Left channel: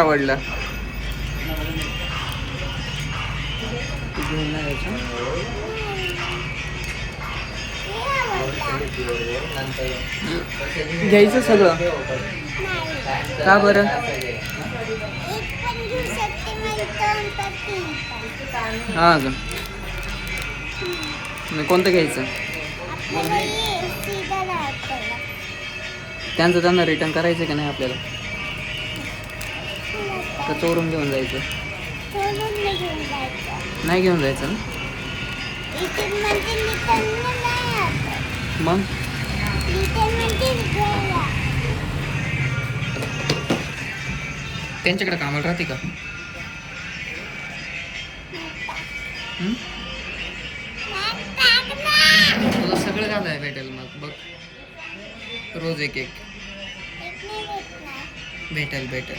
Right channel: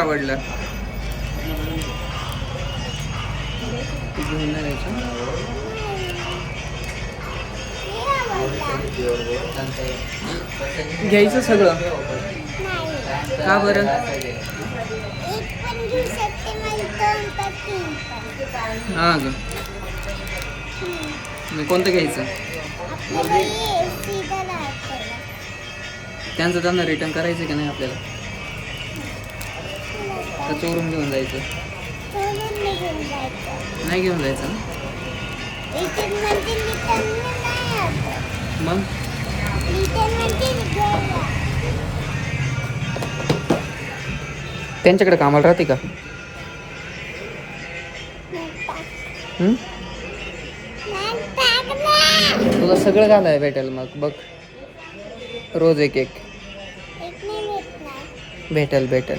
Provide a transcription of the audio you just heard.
आवडला घेऊन नाही जायचं घ्यायचं सगळं का बरं हा का मग कोणतं घ्यायचं त्यांचं त्यांना रिटर्न करायचं की नाही आपल्याला का चोरून घेऊन जायचं नाही घेऊन जायचं ना मग त्यांच्याकडे कामाला राहते का तुला सगळं घालाय भेटेल मग बघ रोज एक एक भेटेल भेटेल